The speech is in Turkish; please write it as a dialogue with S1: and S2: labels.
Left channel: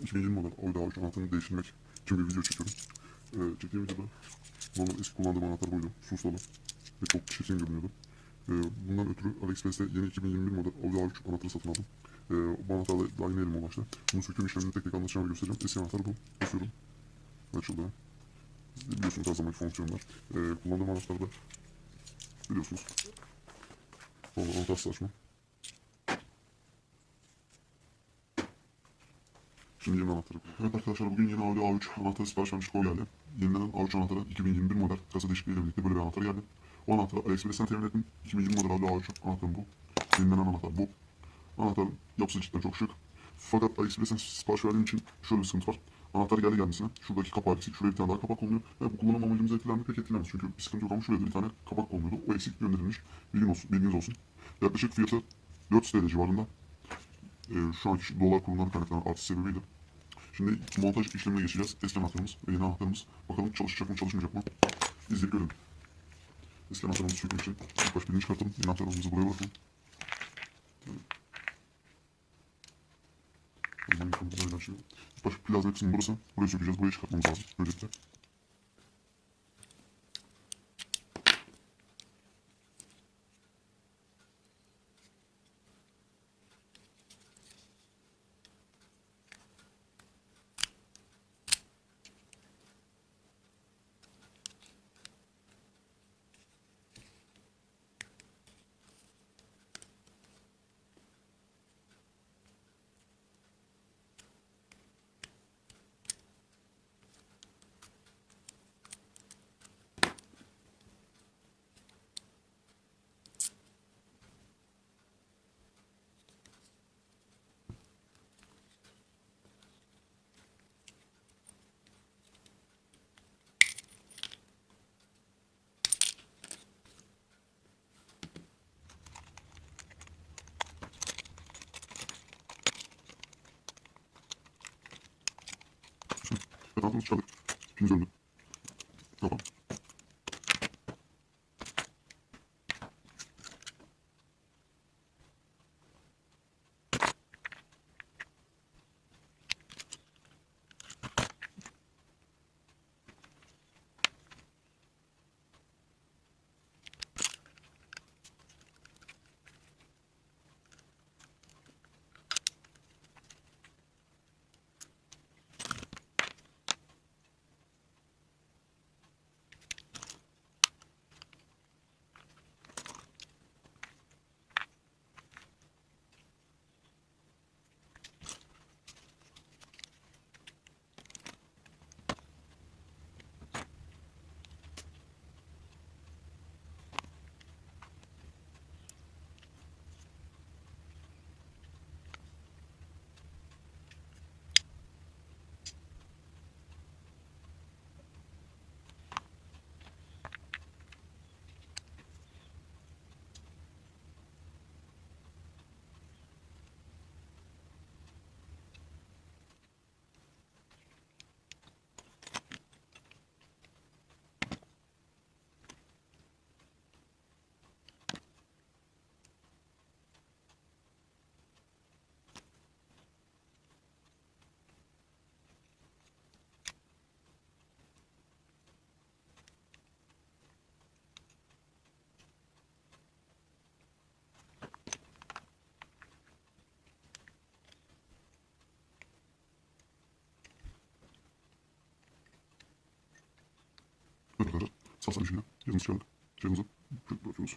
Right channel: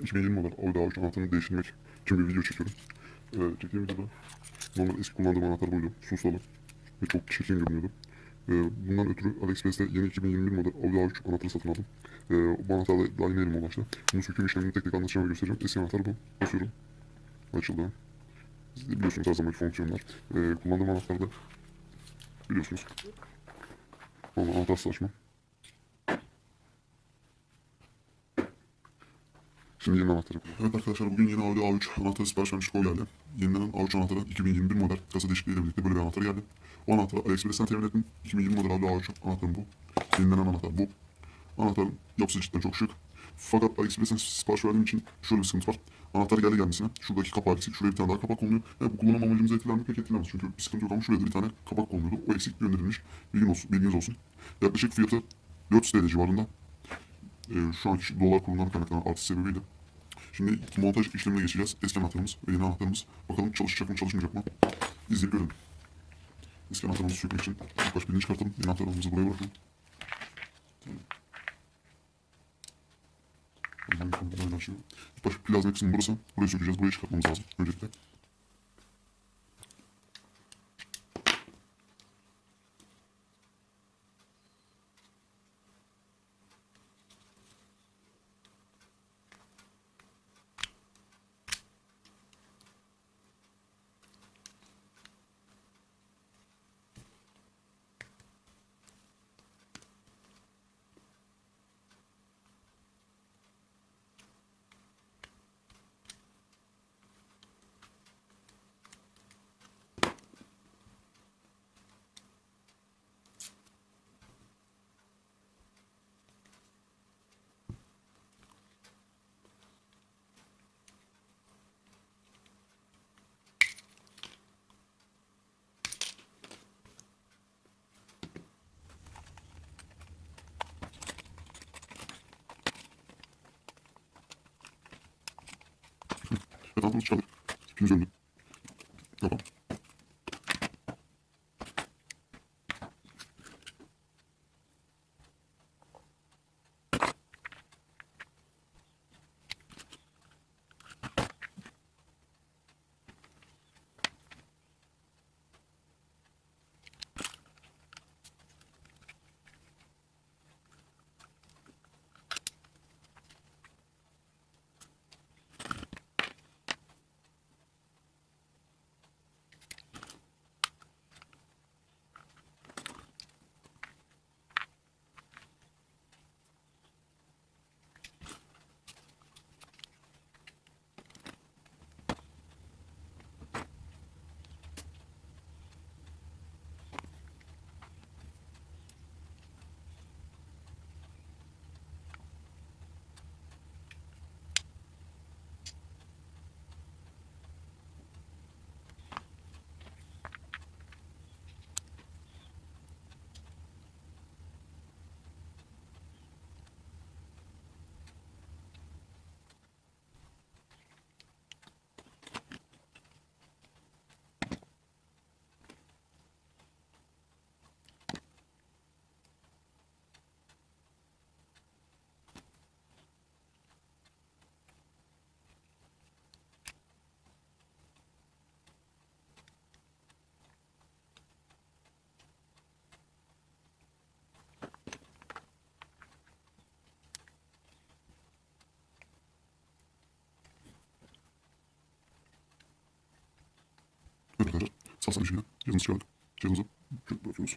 S1: 2020 model Audi A3 anahtarını değiştirmek için bir video çekiyorum. Ee, çektiğim videoda normal eski kullandığım anahtar buydu. Susalı ve çok çirkin görünüyordu. Ee, bundan ötürü AliExpress'te yeni 2021 model Audi A3 anahtarı satın aldım. Ee, bu anahtarla daha yeni elime ulaştı. Bunu söküm işlemini tek tek anlatacağım ve göstereceğim. Eski anahtar bu. Basıyorum. Açıldı. Siz de biliyorsunuz her zamanki fonksiyonlar. Ee, kullandığım anahtarda biliyorsunuz. Normal anahtarsız açma. Şimdi yeni anahtarı kullanıyorum. Evet arkadaşlar bugün yeni Audi A3 anahtarı sipariş vermiş kol geldi. Yenilenen A3 anahtarı 2021 model kasa değişikliğiyle birlikte böyle bir anahtar geldi. O anahtarı AliExpress'ten temin ettim. 2020 model Audi A3 anahtarım bu. Yenilenen anahtar bu. Anahtarın yapısı cidden çok şık. Fakat AliExpress'ten sipariş verdiğim için şöyle bir sıkıntı var. Anahtar geldi gelmesine. Şuradaki kapağı eksik. Şuraya bir tane daha kapak konuluyor. Yani bu kullanım amacımızı etkiler mi pek etkilemez. Çünkü bir sıkıntı yok ama şuraya da bir tane kapak konuluyordu. O eksik gönderilmiş. Bilgin olsun, bilginiz olsun. Yaklaşık fiyatı 400 TL civarında. Ee, şu anki dolar kurundan kaynaklanan artış sebebiyle Şimdi montaj işlemine geçeceğiz. Eski anahtarımız ve yeni anahtarımız. Bakalım çalışacak mı çalışmayacak mı? İzleyip görelim. Eski anahtarımızı sökmek için ilk baş birini çıkartalım. Yeni anahtarımızı buraya bırakalım. İlk baş plazma kısmı burası. Burayı sökeceğiz. Burayı çıkartmamız lazım. Öncelikle. Evet anahtarımızı çıkardık. İpimiz öldü. Arkadaşlar. Sağ salim şimdi. Cihazınızı çıkardık. Cihazınızı bırakıyoruz.